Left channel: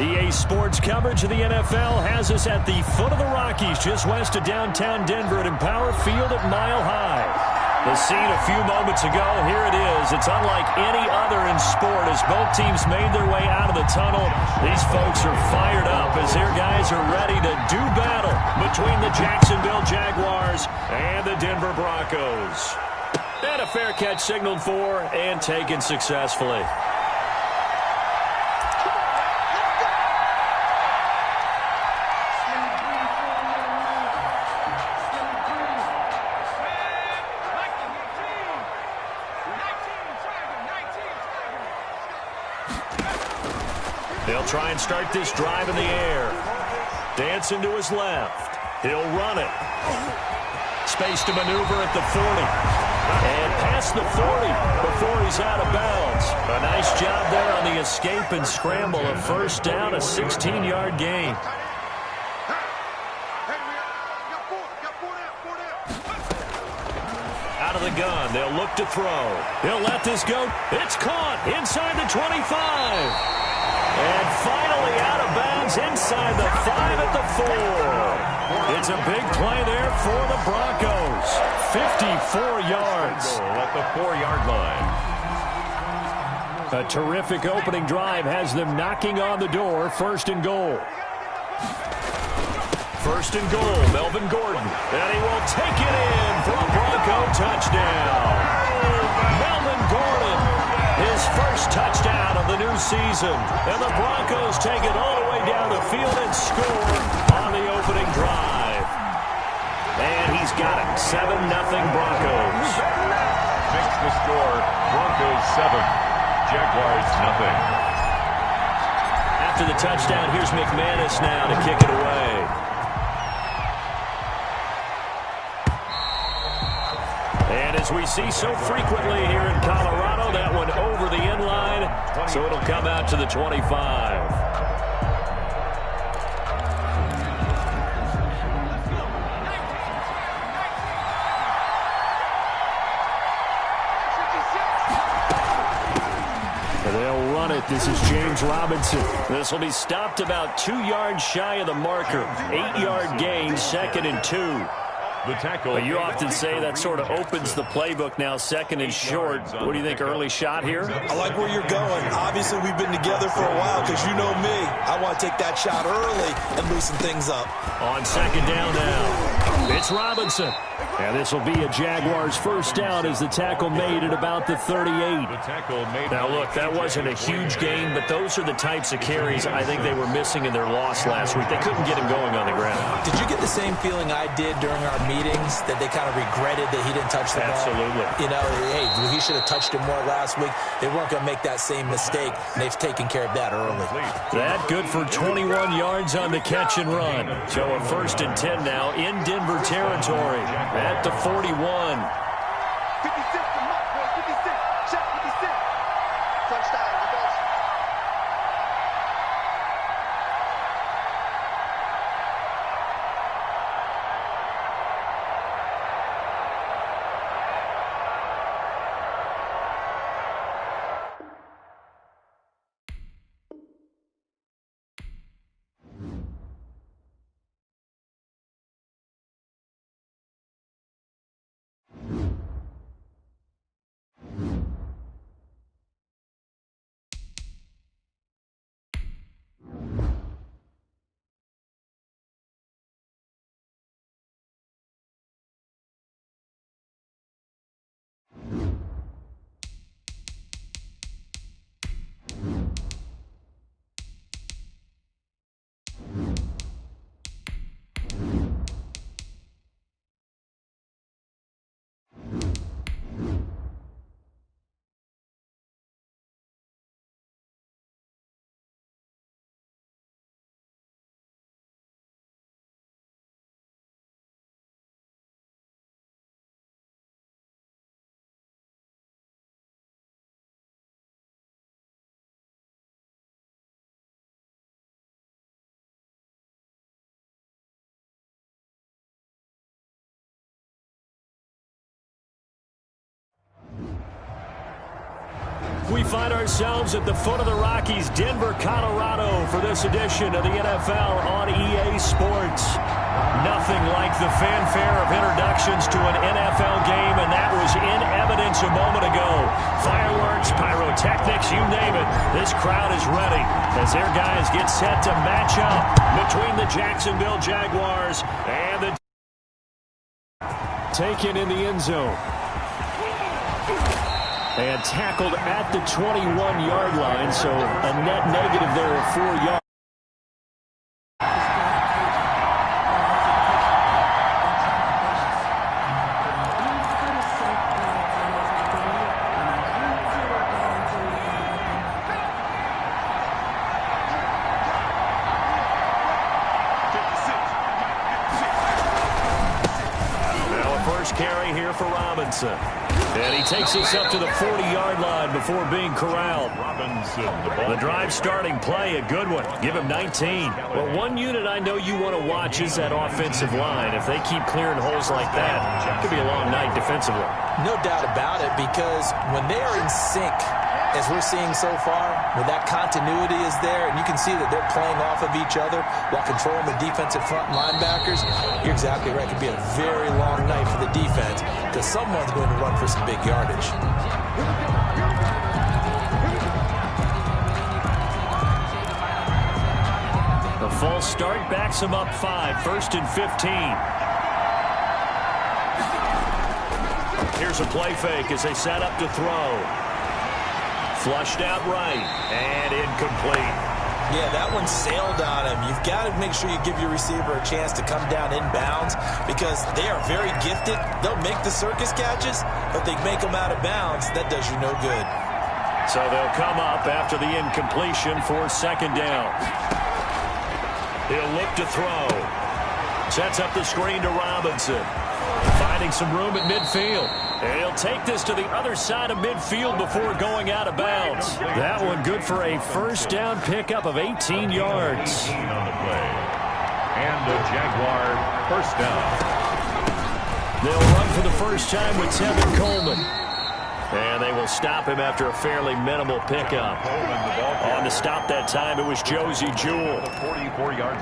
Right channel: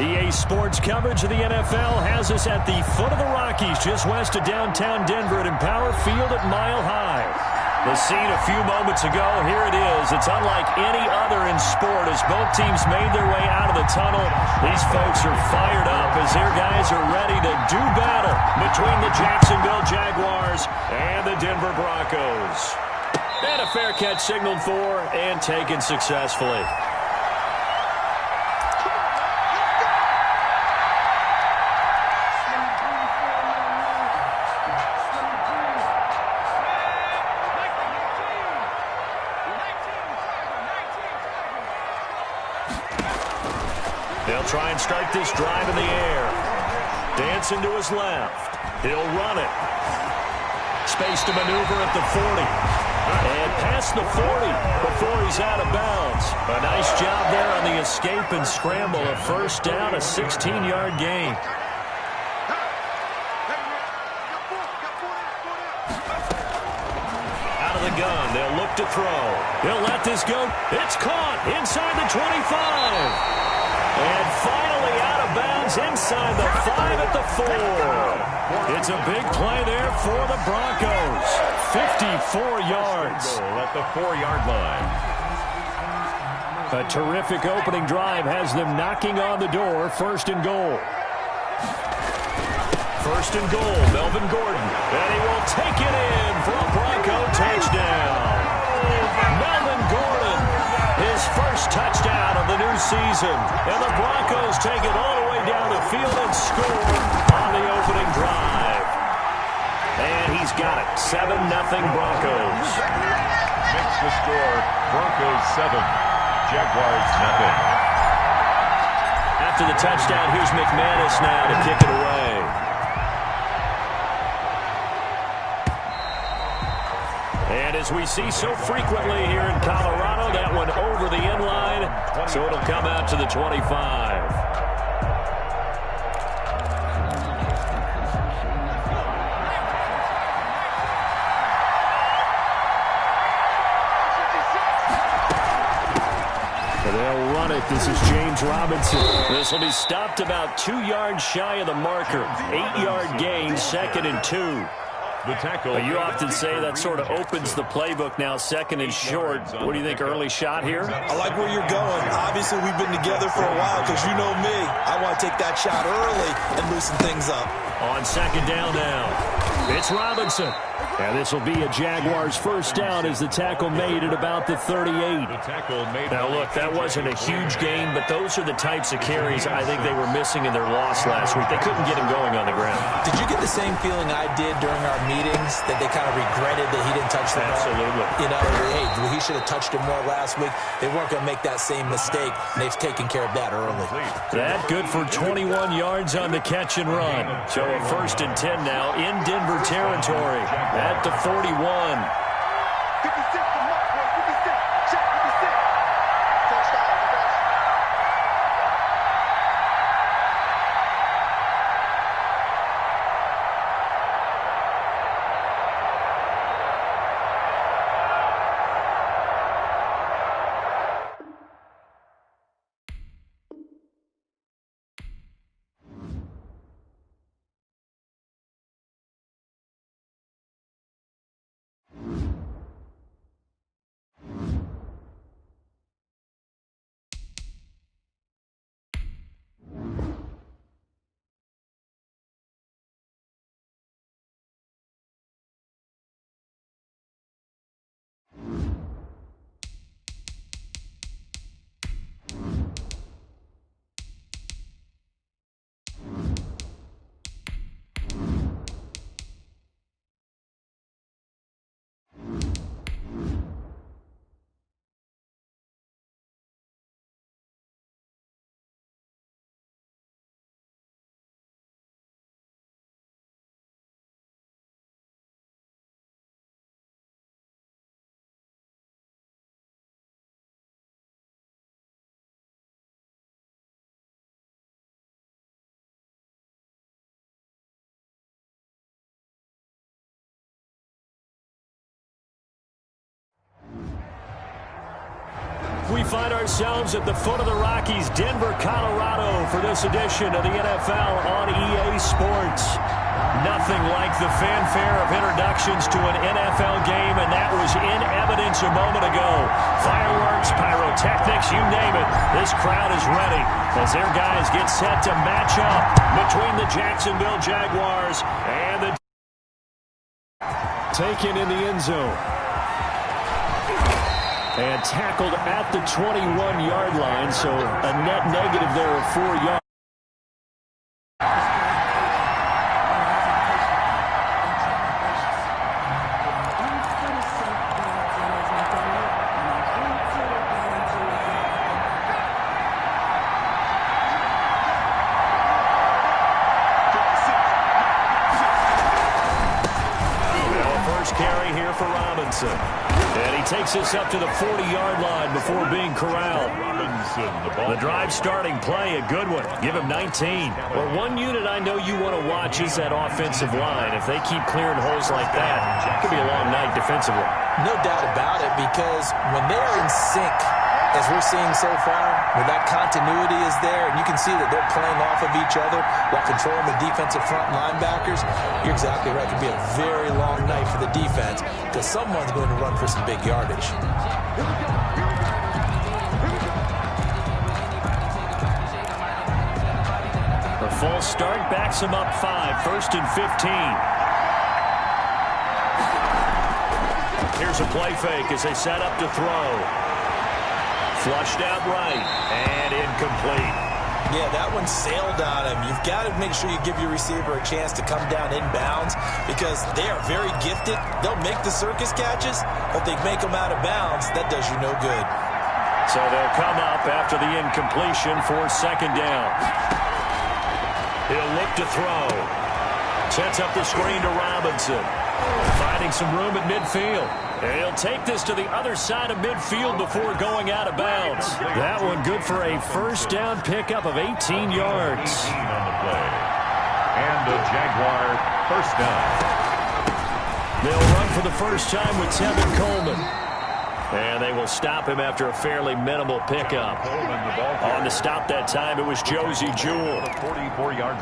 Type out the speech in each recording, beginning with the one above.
EA Sports coverage of the NFL has us at the foot of the Rockies, just west of downtown Denver at Empower Field at Mile High. The scene a few moments ago, here it is. It's unlike any other in sport as both teams made their way out of the tunnel. These folks are fired up as their guys are ready to do battle between the Jacksonville Jaguars and the Denver Broncos. And a fair catch signaled for and taken successfully. They'll try and start this drive in the air. Dancing to his left. He'll run it. Space to maneuver at the 40. And past the 40 before he's out of bounds. A nice job there on the escape and scramble. A first down, a 16-yard gain. Out of the gun, they'll look to throw. He'll let this go. It's caught inside the 25. And finally out of bounds inside the 5 at the 4. It's a big play there for the Broncos. 54 yards. At the 4-yard line. A terrific opening drive has them knocking on the door. First and goal. First and goal, Melvin Gordon. And he will take it in for a Bronco touchdown. Melvin Gordon, his first touchdown of the new season. And the Broncos take it all the way down the field and score on the opening drive. And he's got it. 7-0 Broncos. Makes the score Broncos 7, Jaguars nothing. After the touchdown, here's McManus now to kick it away. And as we see so frequently here in Colorado, that one over the end line, so it'll come out to the 25. They'll run it. This is James Robinson. This will be stopped about 2 yards shy of the marker. 8-yard gain, 2nd and 2. The tackle. But you often say that sort of opens the playbook now, 2nd and short. What do you think, early shot here? I like where you're going. Obviously, we've been together for a while because you know me. I want to take that shot early and loosen things up. On 2nd down now, it's Robinson. And this will be a Jaguars first down as the tackle made at about the 38. Now, look, that wasn't a huge gain, but those are the types of carries I think they were missing in their loss last week. They couldn't get him going on the ground. Did you get the same feeling I did during our meetings, that they kind of regretted that he didn't touch the ball? Absolutely. You know, hey, he should have touched it more last week. They weren't going to make that same mistake, and they've taken care of that early. That good for 21 yards on the catch and run. So a 1st and 10 now in Denver territory at the 41. 56 to Mike, boy. 56. Check 56. First down, defense. We find ourselves at the foot of the Rockies, Denver, Colorado, for this edition of the NFL on EA Sports. Nothing like the fanfare of introductions to an NFL game, and that was in evidence a moment ago. Fireworks, pyrotechnics, you name it. This crowd is ready as their guys get set to match up between the Jacksonville Jaguars and the taken in the end zone. And tackled at the 21-yard line, so a net negative there of 4 yards. Carry here for Robinson. And he takes us up to the 40-yard line before being corralled. Robinson, the drive starting play, a good one. Give him 19. Well, one unit I know you want to watch is that offensive line. If they keep clearing holes like that, it could be a long night defensively. No doubt about it, because when they are in sync, as we're seeing so far, when that continuity is there, and you can see that they're playing off of each other while controlling the defensive front linebackers, you're exactly right. It could be a very long night for the defense because someone's going to run for some big yardage. The false start backs him up 5, 1st and 15. Here's a play fake as they set up to throw. Flushed out right and incomplete. Yeah, that one sailed on him. You've got to make sure you give your receiver a chance to come down inbounds because they are very gifted. They'll make the circus catches, but they make them out of bounds. That does you no good. So they'll come up after the incompletion for 2nd down. He'll look to throw. Sets up the screen to Robinson. Finding some room at midfield. And he'll take this to the other side of midfield before going out of bounds. That one good for a 1st down pickup of 18 yards. 18 on the play. And a Jaguar 1st down. They'll run for the first time with Tevin Coleman. And they will stop him after a fairly minimal pickup. On to stop that time, it was Josie Jewell.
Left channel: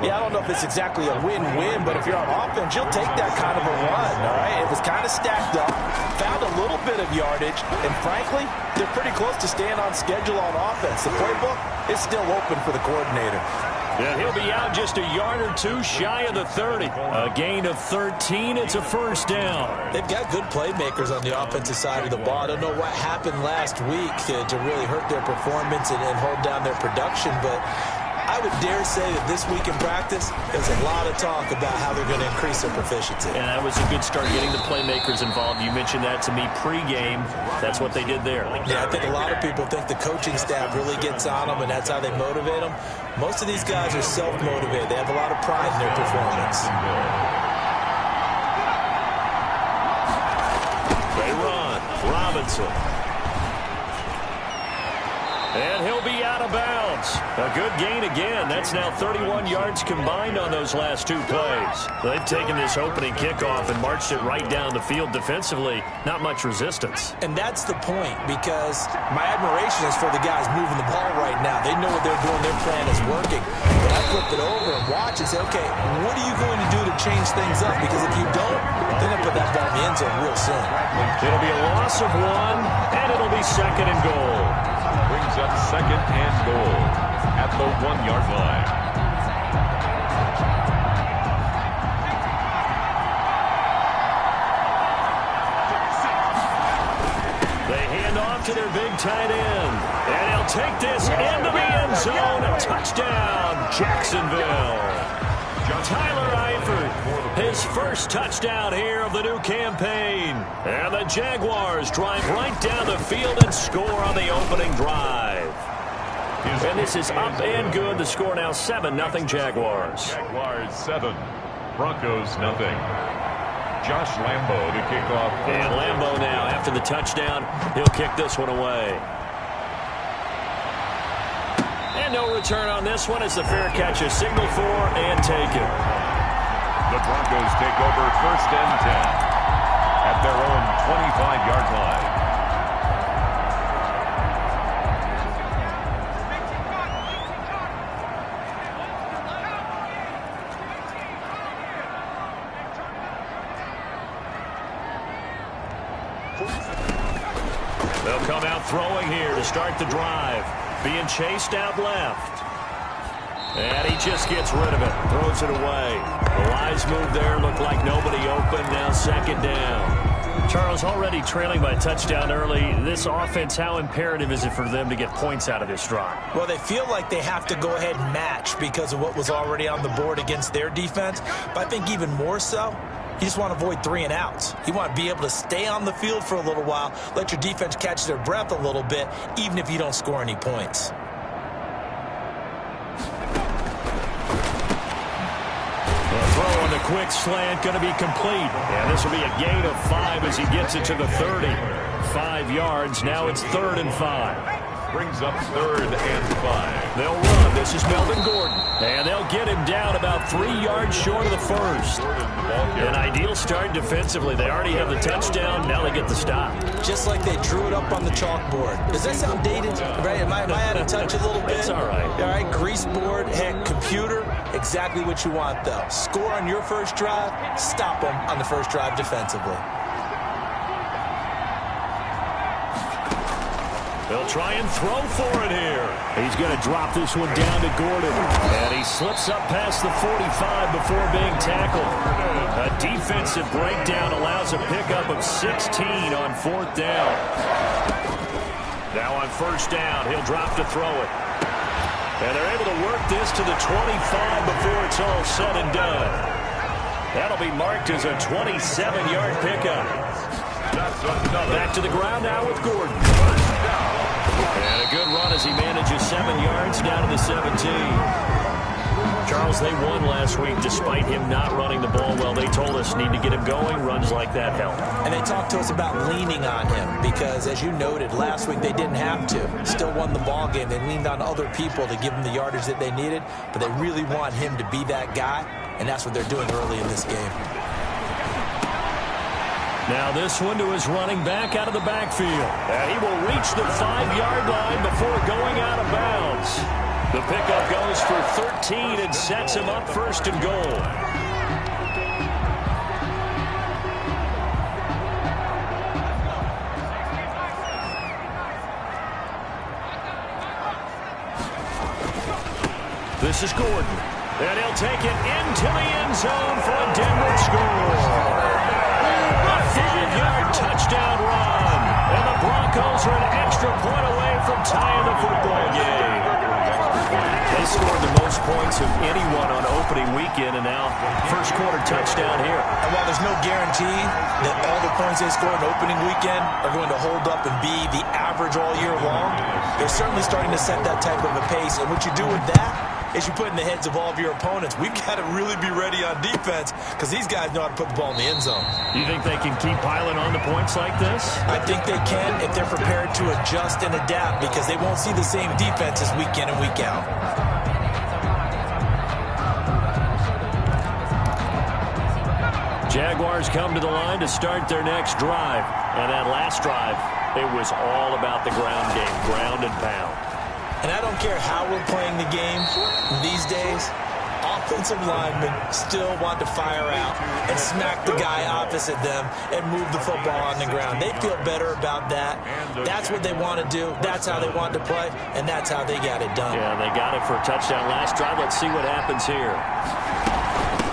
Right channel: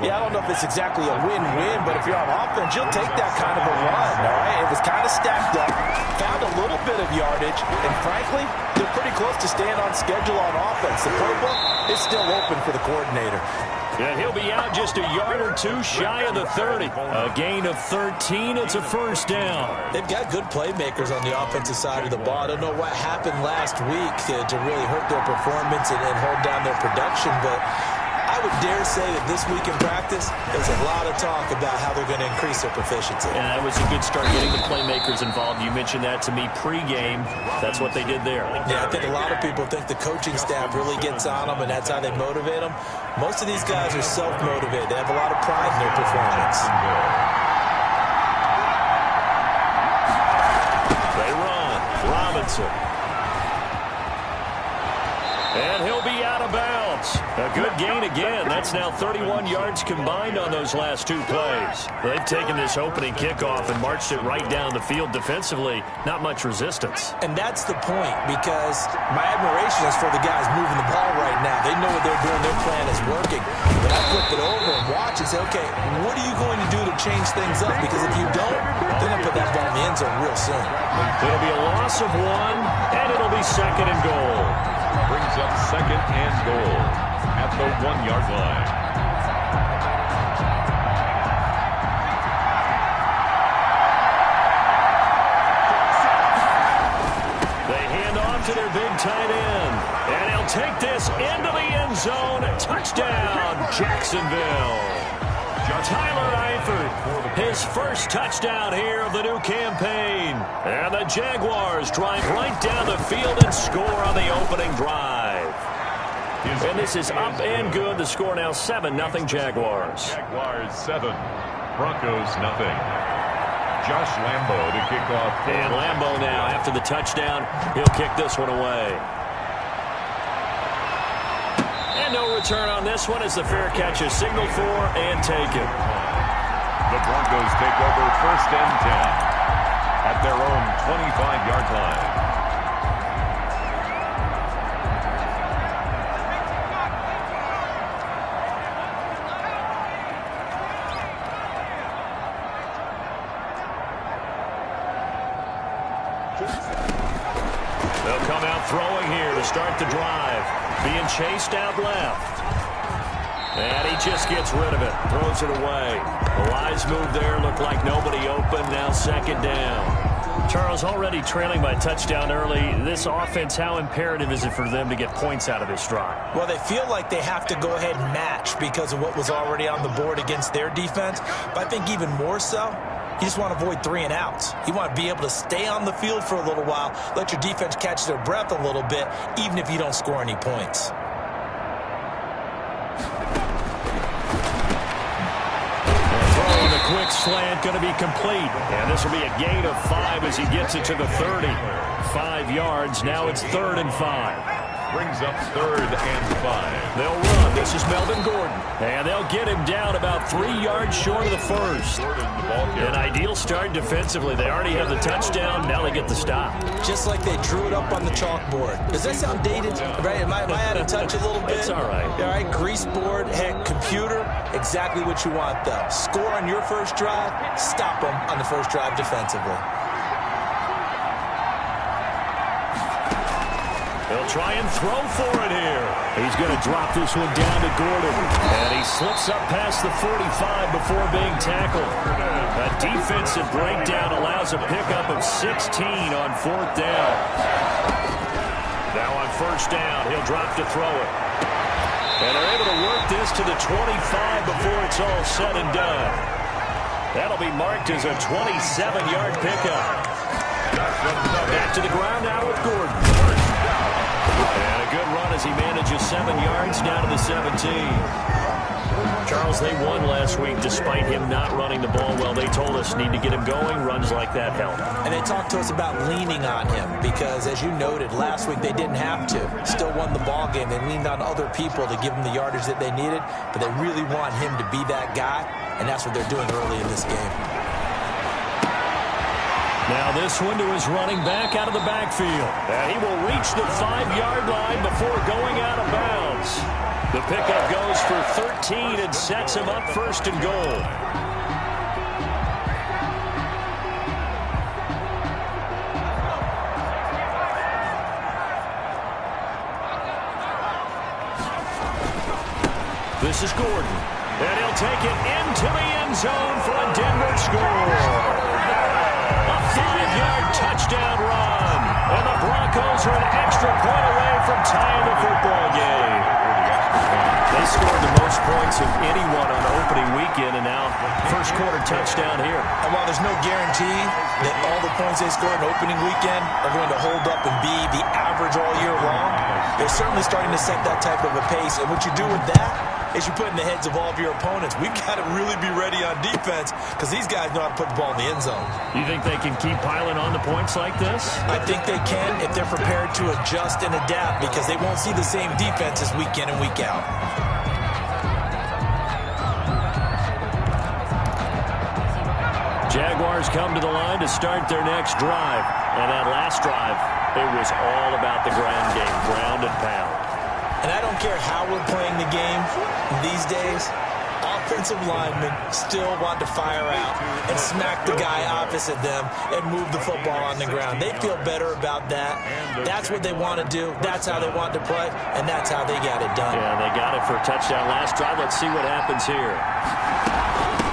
Yeah, I don't know if it's exactly a win-win, but if you're on offense, you'll take that kind of a run, all right? It was kind of stacked up, found a little bit of yardage, and frankly, they're pretty close to staying on schedule on offense. The playbook is still open for the coordinator. And he'll be out just a yard or two shy of the 30. A gain of 13. It's a 1st down. They've got good playmakers on the offensive side of the ball. I don't know what happened last week to really hurt their performance and hold down their production, but I would dare say that this week in practice, there's a lot of talk about how they're going to increase their proficiency. And that was a good start getting the playmakers involved. You mentioned that to me pregame. That's what they did there. Yeah, I think a lot of people think the coaching staff really gets on them, and that's how they motivate them. Most of these guys are self-motivated. They have a lot of pride in their performance. They run. Robinson. And he'll be out of bounds. A good gain again. That's now 31 yards combined on those last 2 plays. They've taken this opening kickoff and marched it right down the field defensively. Not much resistance. And that's the point, because my admiration is for the guys moving the ball right now. They know what they're doing. Their plan is working. But I flip it over and watch and say, okay, what are you going to do to change things up? Because if you don't, they're going to put that ball in the end zone real soon. It'll be a loss of 1, and it'll be 2nd and goal. Brings up 2nd and goal at the 1-yard line. They hand off to their big tight end. And he'll take this into the end zone. Touchdown, Jacksonville. Tyler Eifert, his first touchdown here of the new campaign. And the Jaguars drive right down the field and score on the opening drive. And this is up and good. The score now 7-0 Jaguars. Jaguars 7, Broncos 0. Josh Lambo to kick off. And Lambo now, after the touchdown, he'll kick this one away. And no return on this one as the fair catch is signaled for and taken. The Broncos take over 1st and 10 at their own 25-yard line. They'll come out throwing here to start the drive. Being chased out left. And he just gets rid of it. Throws it away. The wise move there. Looked like nobody open. Now second down. Charles, already trailing by a touchdown early. This offense, how imperative is it for them to get points out of this drive? Well, they feel like they have to go ahead and match because of what was already on the board against their defense. But I think even more so, you just want to avoid 3 and outs. You want to be able to stay on the field for a little while, let your defense catch their breath a little bit, even if you don't score any points. Quick slant going to be complete. And this will be a gain of 5 as he gets it to the 30. 5 yards. Now it's 3rd and 5. Brings up 3rd and 5. They'll run. This is Melvin Gordon. And they'll get him down about 3 yards short of the first. An ideal start defensively. They already have the touchdown. Now they get the stop. Just like they drew it up on the chalkboard. Does that sound dated? Right? Am I out of touch a little bit? It's all right. All right, grease board, heck, computer. Exactly what you want, though. Score on your first drive. Stop them on the first drive defensively. They'll try and throw for it here. He's going to drop this one down to Gordon. And he slips up past the 45 before being tackled. A defensive breakdown allows a pickup of 16 on 4th down. Now on 1st down, he'll drop to throw it. And they're able to work this to the 25 before it's all said and done. That'll be marked as a 27-yard pickup. Back to the ground now with Gordon. And a good run as he manages 7 yards down to the 17. Charles, they won last week despite him not running the ball well. They told us need to get him going. Runs like that help. And they talked to us about leaning on him because, as you noted, last week they didn't have to. Still won the ball game. They leaned on other people to give them the yardage that they needed, but they really want him to be that guy, and that's what they're doing early in this game. Now this one to his running back out of the backfield. And he will reach the 5-yard line before going out of bounds. The pickup goes for 13 and sets him up 1st and goal. This is Gordon. And he'll take it into the end zone for a Denver score. A 5-yard touchdown run. And the Broncos are an extra point away from tying the football game. They scored the most points of anyone on opening weekend, and now first quarter touchdown here. And while there's no guarantee that all the points they scored in opening weekend are going to hold up and be the average all year long, they're certainly starting to set that type of a pace. And what you do with that is you put in the heads of all of your opponents, we've got to really be ready on defense because these guys know how to put the ball in the end zone. You think they can keep piling on the points like this? I think they can if they're prepared to adjust and adapt because they won't see the same defenses week in and week out. Jaguars come to the line to start their next drive. And that last drive, it was all about the ground game, ground and pound. And I don't care how we're playing the game these days, offensive linemen still want to fire out and smack the guy opposite them and move the football on the ground. They feel better about that. That's what they want to do. That's how they want to play, and that's how they got it done. Yeah, they got it for a touchdown last drive. Let's see what happens here.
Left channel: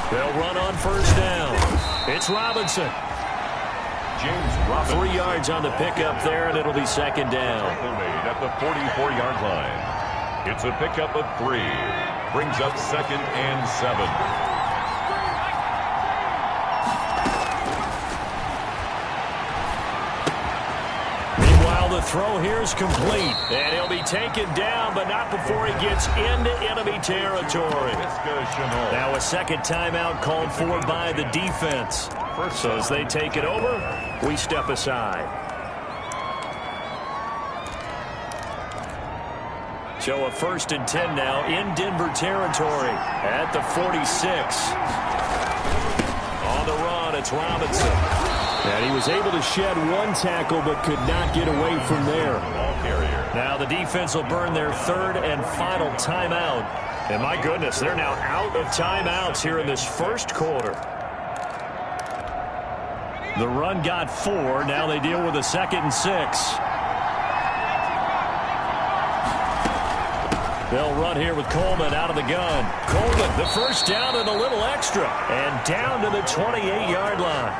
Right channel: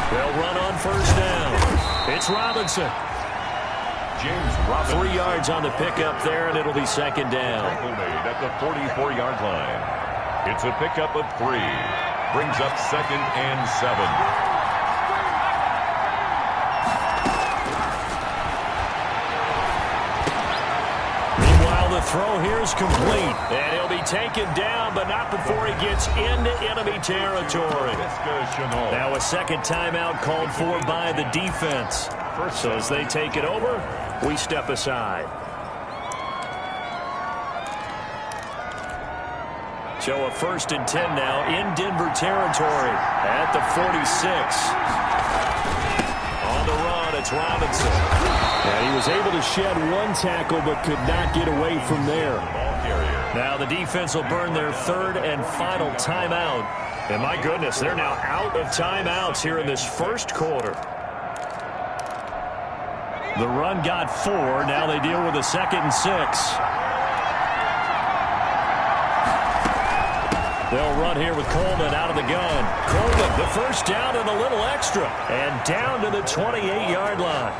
They'll run on 1st down. It's Robinson. James Robinson. 3 yards on the pickup there, and it'll be 2nd down. Made at the 44-yard line. It's a pickup of 3. Brings up 2nd and 7. Meanwhile, the throw here is complete. And he'll be taken down, but not before he gets into enemy territory. Now a second timeout called for by the defense. So as they take it over, we step aside. So a 1st and 10 now in Denver territory at the 46. On the run, it's Robinson. And he was able to shed one tackle but could not get away from there. Now the defense will burn their 3rd and final timeout. And my goodness, they're now out of timeouts here in this first quarter. The run got 4. Now they deal with a 2nd and 6. They'll run here with Coleman out of the gun. Coleman, the first down and a little extra. And down to the 28-yard line.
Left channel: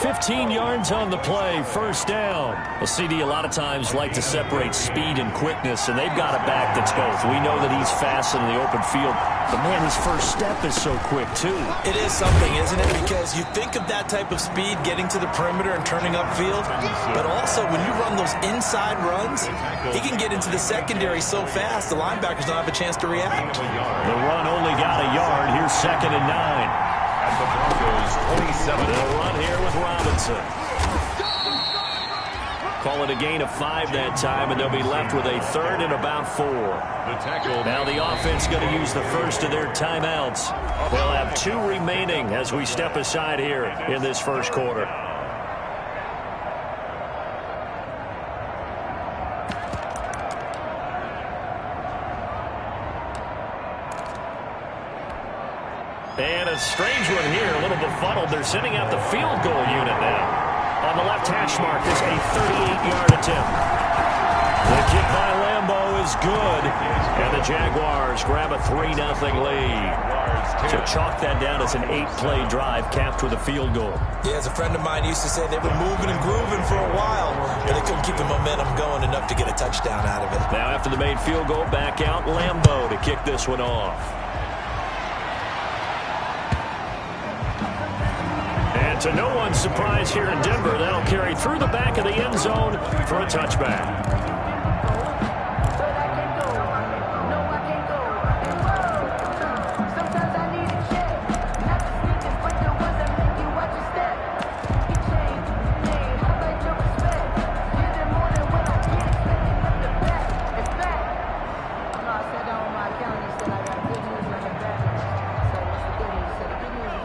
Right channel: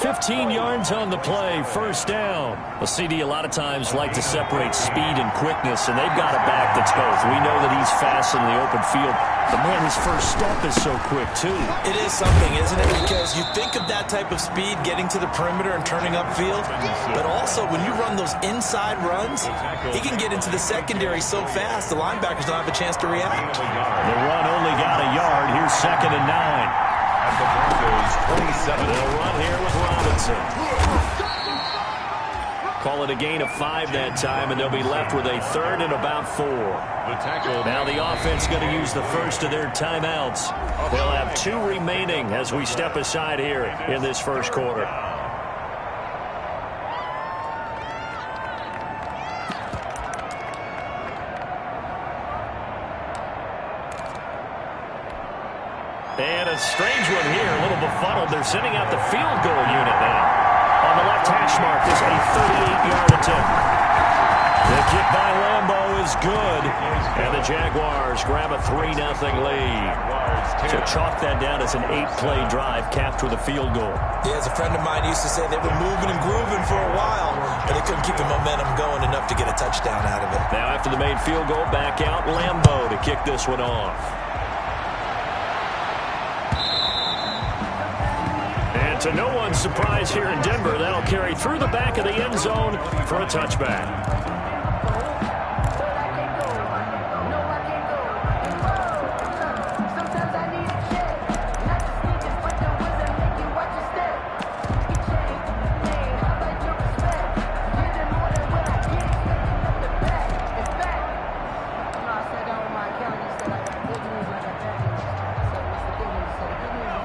15 yards on the play, first down. Well, CD a lot of times like to separate speed and quickness, and they've got a back that's both. We know that he's fast in the open field, but, man, his first step is so quick, too. It is something, isn't it? Because you think of that type of speed getting to the perimeter and turning upfield, but also when you run those inside runs, he can get into the secondary so fast the linebackers don't have a chance to react. The run only got a yard. Here's 2nd and 9. At the Broncos 27. They'll run here with Robinson. Call it a gain of 5 that time, and they'll be left with a 3rd and about 4. The tackle. Now the offense going to use the first of their timeouts. They'll have 2 remaining as we step aside here in this first quarter. And a strange one here, a little befuddled. They're sending out the field goal unit now. On the left hash mark is a 38-yard attempt. The kick by Lambeau is good. And the Jaguars grab a 3-0 lead. So chalk that down as an 8-play drive capped with a field goal. Yeah, as a friend of mine used to say, they were moving and grooving for a while, but they couldn't keep the momentum going enough to get a touchdown out of it. Now after the made field goal, back out Lambeau to kick this one off. And to no one's surprise here in Denver, that'll carry through the back of the end zone for a touchback.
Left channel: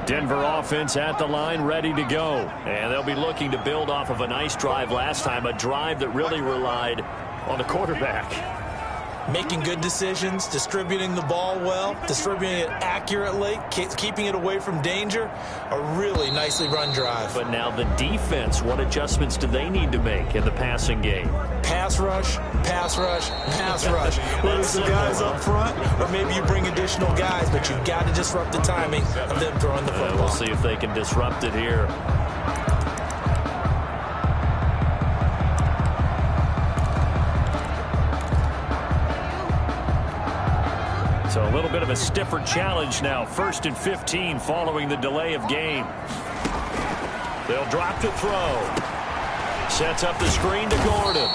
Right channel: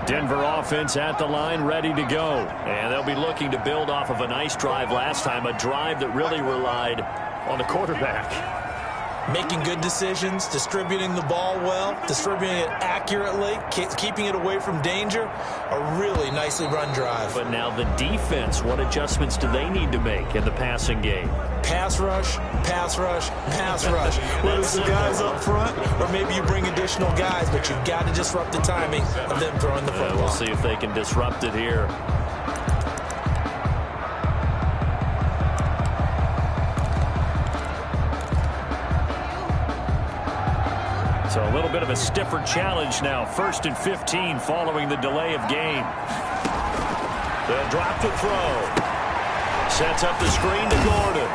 Denver offense at the line, ready to go. And they'll be looking to build off of a nice drive last time, a drive that really relied on the quarterback. Making good decisions, distributing the ball well, distributing it accurately, keeping it away from danger. A really nicely run drive. But now the defense, what adjustments do they need to make in the passing game? Pass rush, pass rush, pass rush. Whether it's the guys up front or maybe you bring additional guys, but you've got to disrupt the timing of them throwing the football. We'll see if they can disrupt it here. So a little bit of a stiffer challenge now. 1st and 15 following the delay of game. They'll drop to throw. Sets up the screen to Gordon.